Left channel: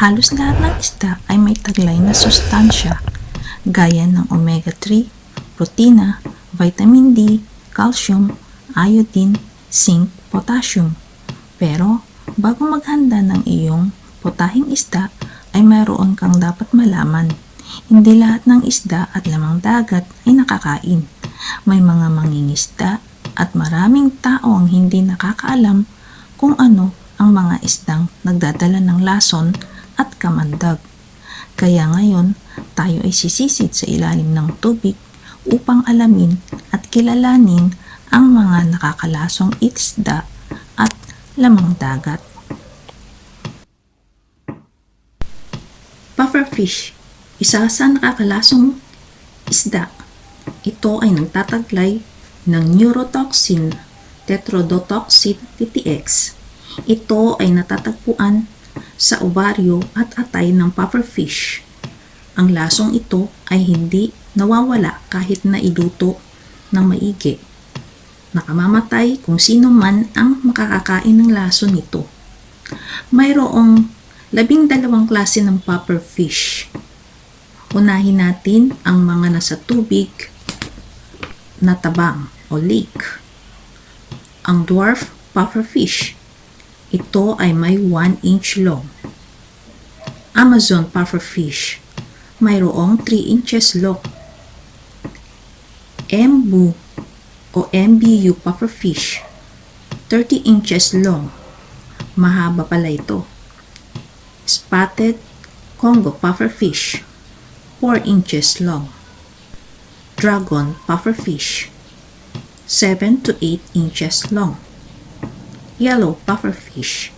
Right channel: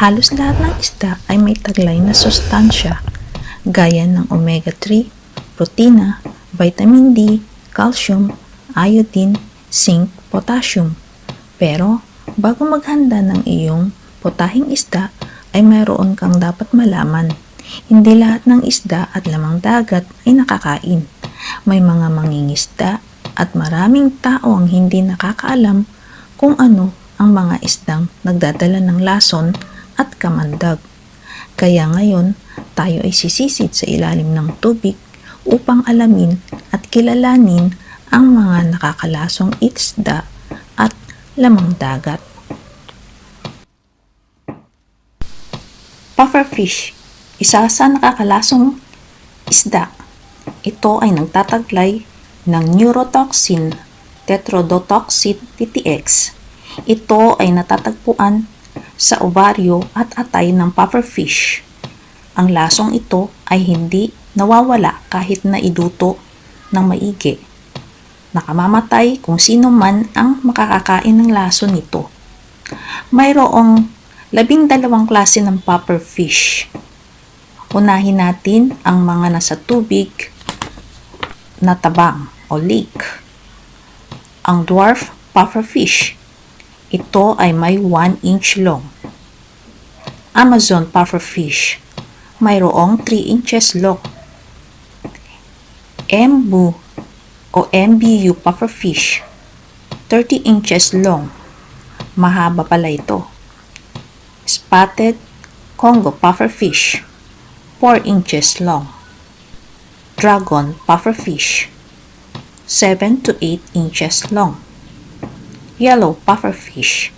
Halos lahat ng isda ay may taglay na sustansya gaya ng omega-3, protina, vitamin D, calcium, iodine, zinc, potassium. Pero bago maghanda ng iyong potahing isda ay mayroon kang dapat malaman. Hindi lahat ng isda at lamang dagat ay nakakain. May mga mangingisda at maraming tao ang hindi nakakaalam kung ano ang mga isdang nagdadala ng lason at kamandag. Kaya ngayon, tayo ay sisisid sa ilalim ng tubig upang alamin at kilalanin ang mga nakakalasong isda at lamang dagat. Pufferfish, isa sa nakakalasong isda. Ito ay nagtataglay ng neurotoxin tetrodotoxin TTX. Ito ay natatagpuan sa ovaryo at atay ng pufferfish. Ang lasong ito ay hindi nawawala kahit na iluto ng maigi. Nakamamatay kung sino man ang makakakain ng lason nito. Mayroong 12 klase ng pufferfish. Unahin natin ang mga nasa tubig na tabang o lake. Ang dwarf pufferfish. Ito ay may 1 inch long. Amazon pufferfish. Mayroong 3 inches long. Embu o MBU pufferfish. 30 inches long. Mahaba pala ito. Spotted Congo pufferfish. 4 inches long. Dragon pufferfish. 7 to 8 inches long. Yellow pufferfish,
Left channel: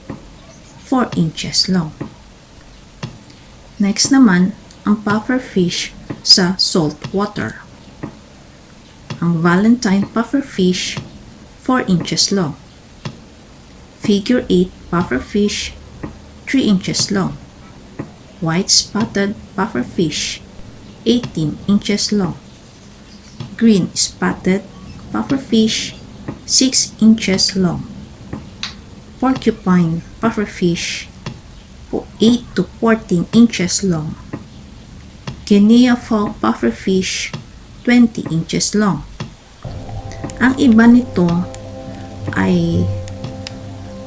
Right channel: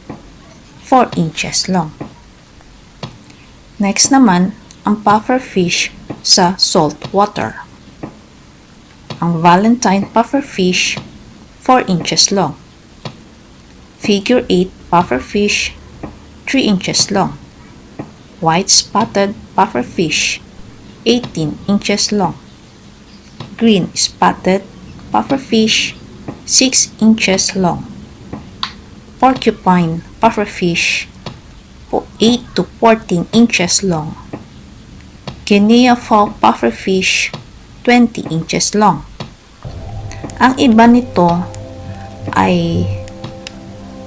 4 inches long. Next naman, ang pufferfish sa salt water. Ang Valentine pufferfish, 4 inches long. Figure 8 pufferfish, 3 inches long. White spotted pufferfish, 18 inches long. Green spotted pufferfish, 6 inches long. Porcupine pufferfish, 8 to 14 inches long. Guinea fowl pufferfish, 20 inches long. Ang iba nito ay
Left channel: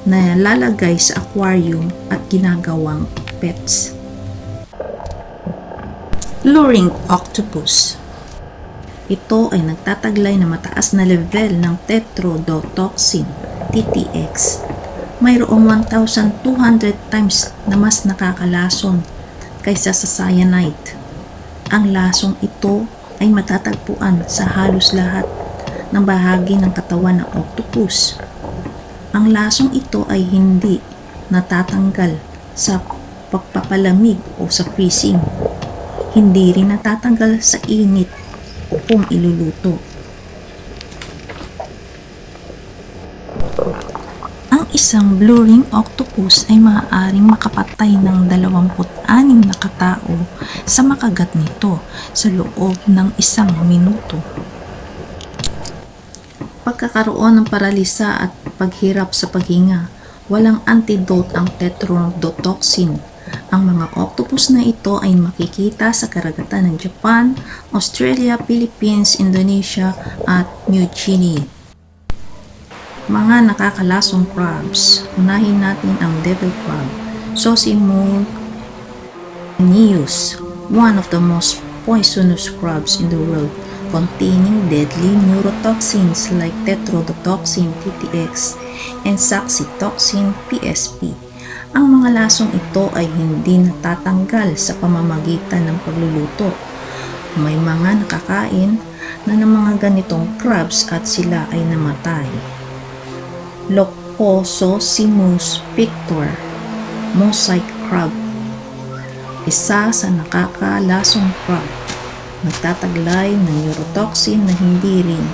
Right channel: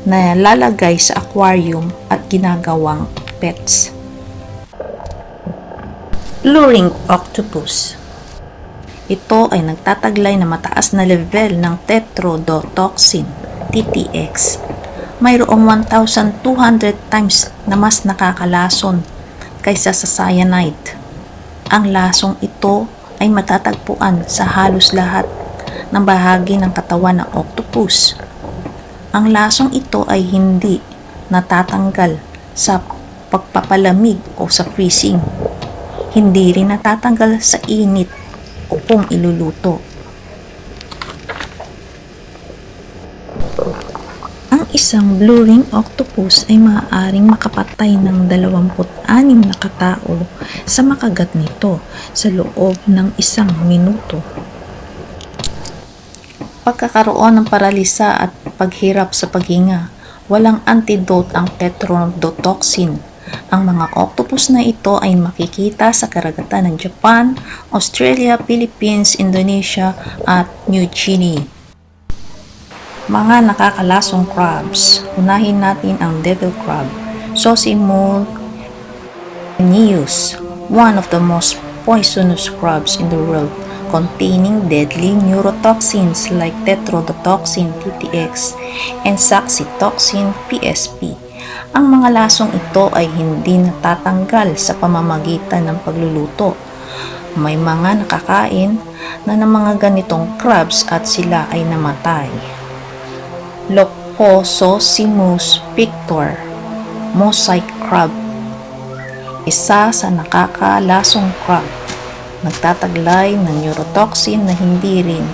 nalalagay sa aquarium at ginagawang pets. Luring octopus. Ito ay nagtataglay na mataas na level ng tetrodotoxin TTX. Mayroong 1,200 times na mas nakakalason kaysa sa cyanide. Ang lasong ito ay matatagpuan sa halos lahat ng bahagi ng katawan ng octopus. Ang lasong ito ay hindi natatanggal sa pagpapalamig o sa freezing. Hindi rin natatanggal sa init o kung iluluto. Ang isang blue ring octopus ay maaaring makapatay ng 26 na katao sa makagat nito sa loob ng 1 minuto. Pagkakaroon ng paralisa at paghirap sa paghinga, walang antidote ang tetrodotoxin. Ang mga octopus na ito ay makikita sa karagatan ng Japan, Australia, Philippines, Indonesia at New Guinea. Mga nakakalasong crabs. Unahin natin ang devil crab, Zosimus neus, one of the most poisonous crabs in the world, containing deadly neurotoxins like tetrodotoxin TTX and saxitoxin PSP. Ang mga lasong ito ay hindi natatanggal sa pamamagitan ng pagluluto. May mga nakakain na ng mga ganitong crabs at sila ay namatay. Lophososimus pictor, mosaic crab. Isa sa nakakalasong crab. Nagtataglay ng neurotoxin na hindi rin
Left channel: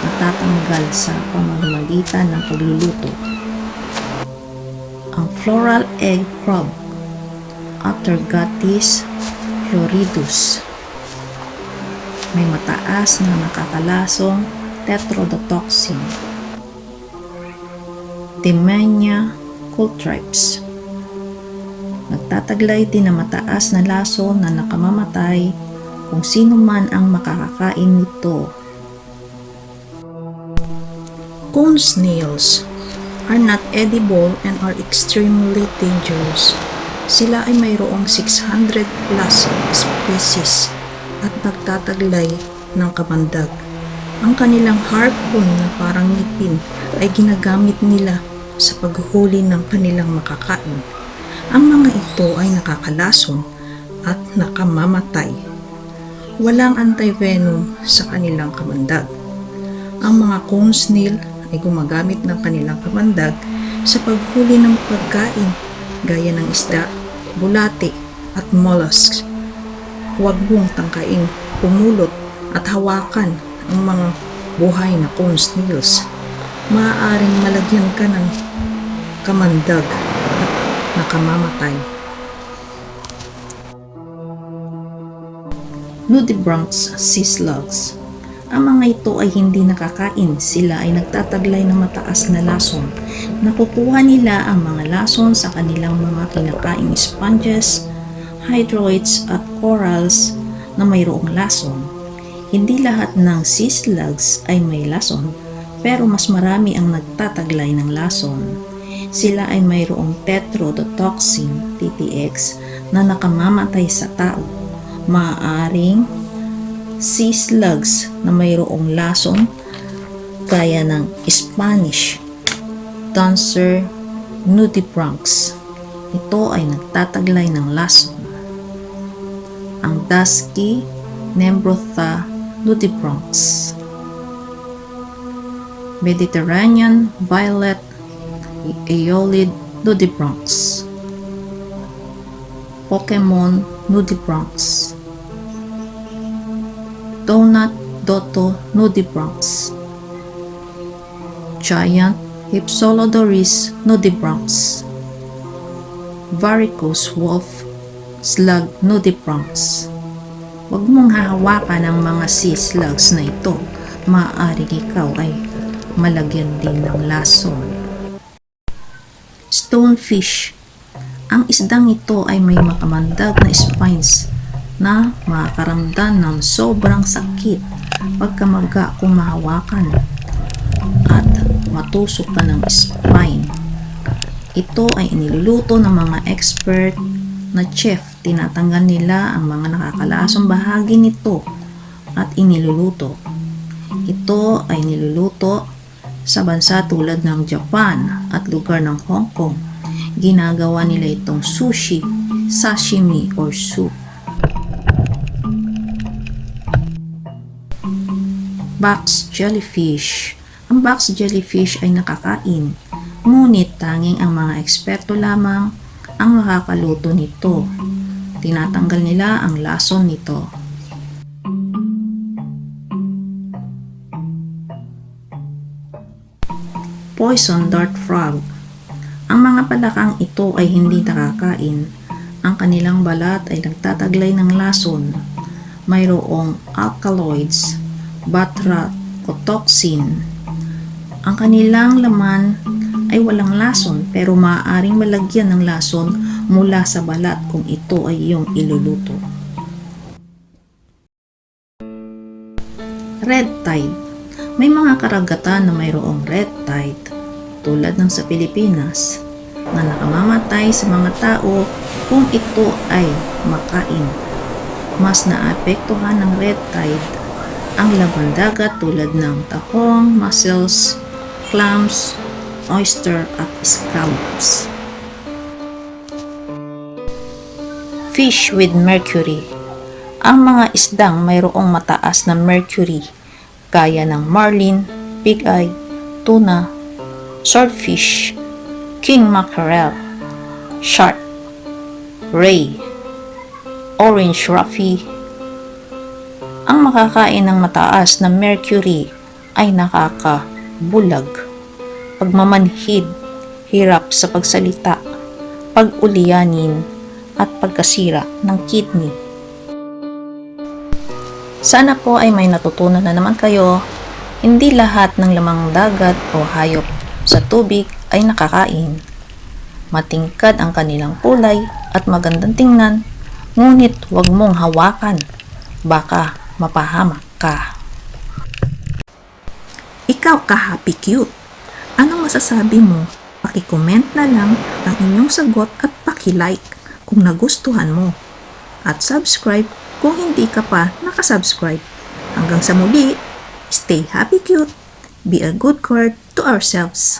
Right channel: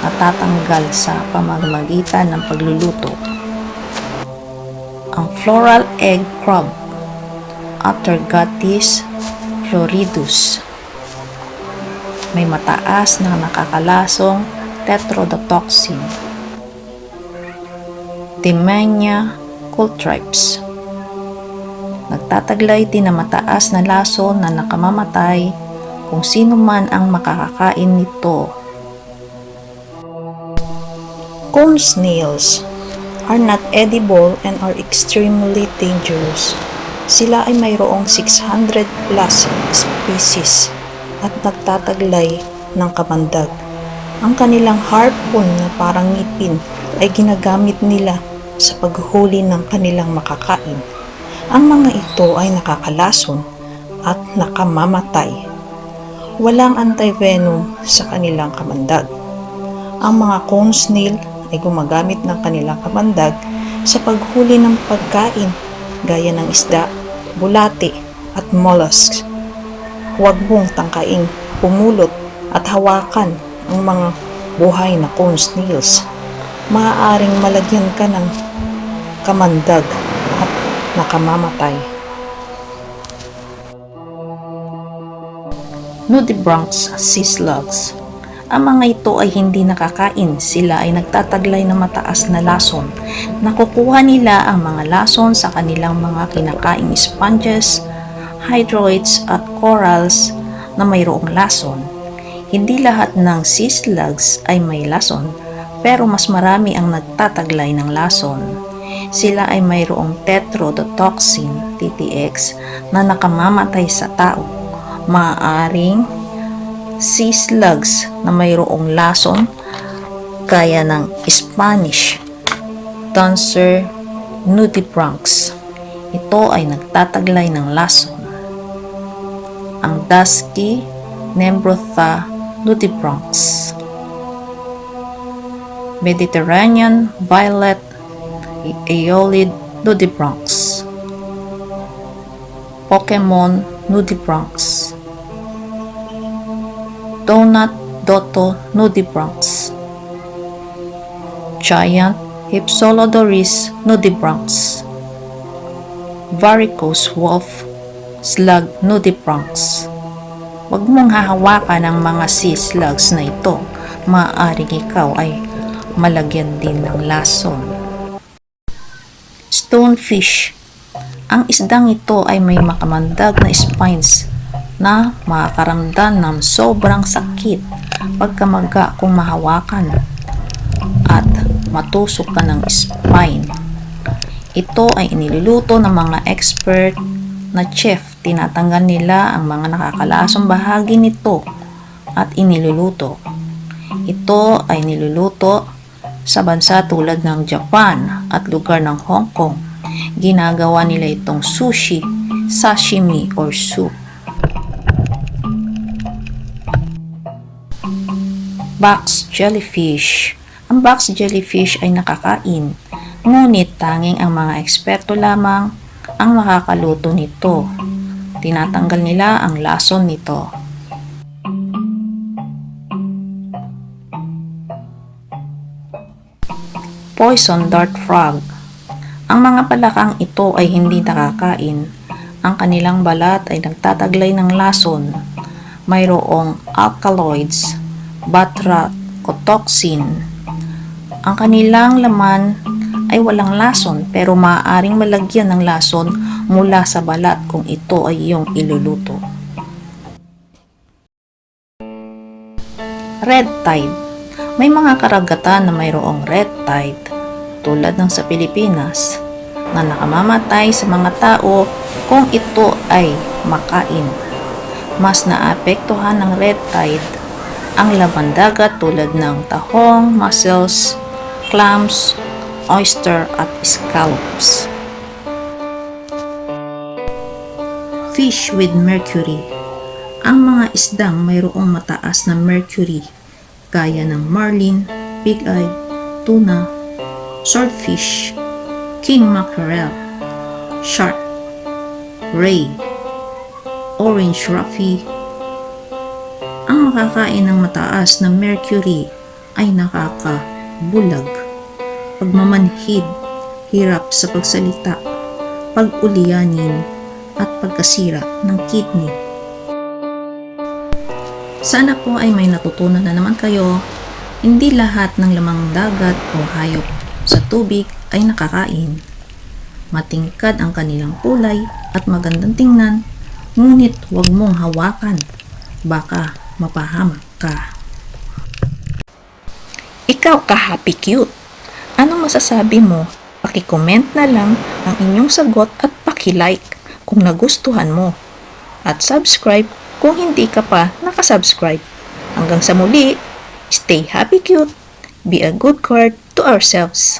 natatanggal sa pamamagitan ng pagluluto. Ang floral egg crab, Atergatis floridus. May mataas na nakakalasong tetrodotoxin. Timenia cultripes. Nagtataglay din na mataas na lason na nakamamatay kung sino man ang makakakain nito. Cone snails are not edible and are extremely dangerous. Sila ay mayroong 600 plus species at nagtataglay ng kamandag. Ang kanilang harpoon na parang ngipin ay ginagamit nila sa paghuli ng kanilang makakain. Ang mga ito ay nakakalason at nakamamatay. Walang antivenom sa kanilang kamandag. Ang mga cone snail ay gumagamit ng kanilang kamandag sa paghuli ng pagkain gaya ng isda, bulate at mollusks. Huwag mong tangkaing pumulot at hawakan ang mga buhay na cone snails. Maaaring malagyan ka ng kamandag at nakamamatay. Nudibranchs sea slugs. Ang mga ito ay hindi nakakain, sila ay nagtataglay ng mataas na lason. Nakukuha nila ang mga lason sa kanilang mga kinakaing sponges, hydroids at corals na mayroong lason. Hindi lahat ng sea slugs ay may lason, pero mas marami ang nagtataglay ng lason. Sila ay mayroong tetrodotoxin (TTX) na nakamamatay sa tao. Maaaring sea slugs na mayroong lason gaya ng Spanish Dancer nudibranchs. Ito ay nagtataglay ng lason. Ang dusky Nembrotha nudibranchs, Mediterranean violet Aeolid nudibranchs, Pokemon nudibranchs, Donut Doto nudibranchs, Giant Hypsilodoris nudibranchs, Varicose wolf slug nudibranchs. Huwag mong hahawakan ang mga sea slugs na ito. Maaaring ikaw ay malagyan din ng lason. Stonefish. Ang isdang ito ay may makamandag na spines na makakaramdam ng sobrang sakit pagkamaga kung mahawakan at matusok ka ng spine. Ito ay iniluluto ng mga expert na chef. Tinatanggal nila ang mga nakakalasong bahagi nito at iniluluto. Ito ay niluluto sa bansa tulad ng Japan at lugar ng Hong Kong. Ginagawa nila itong sushi, sashimi, or soup. Box jellyfish. Ang box jellyfish ay nakakain, ngunit tanging ang mga eksperto lamang ang makakaluto nito. Tinatanggal nila ang lason nito. Poison dart frog. Ang mga palakang ito ay hindi nakakain. Ang kanilang balat ay nagtataglay ng lason. Mayroong alkaloids, batrachotoxin. Ang kanilang laman ay walang lason pero maaaring malagyan ng lason mula sa balat kung ito ay iyong iluluto. Red tide. May mga karagatan na mayroong red tide tulad ng sa Pilipinas na nakamamatay sa mga tao kung ito ay makain. Mas naapektuhan ng red tide ang laman dagat tulad ng tahong, mussels, clams, oyster at scallops. Fish with mercury. Ang mga isdang mayroong mataas na mercury gaya ng marlin, pig-eye, tuna, swordfish, king mackerel, shark, ray, orange roughy. Ang makakain ng mataas na mercury ay nakakabulag, pagmamanhid, hirap sa pagsalita, pag-ulianin, at pagkasira ng kidney. Sana po ay may natutunan na naman kayo. Hindi lahat ng lamang dagat o hayop sa tubig ay nakakain. Matingkad ang kanilang kulay at magandang tingnan, ngunit huwag mong hawakan. Baka mapahamak ka. Ikaw ka-happy cute. Anong masasabi mo? Paki-comment na lang ang inyong sagot at paki-like kung nagustuhan mo. At subscribe kung hindi ka pa nakasubscribe. Hanggang sa muli, stay happy cute, be a good card to ourselves.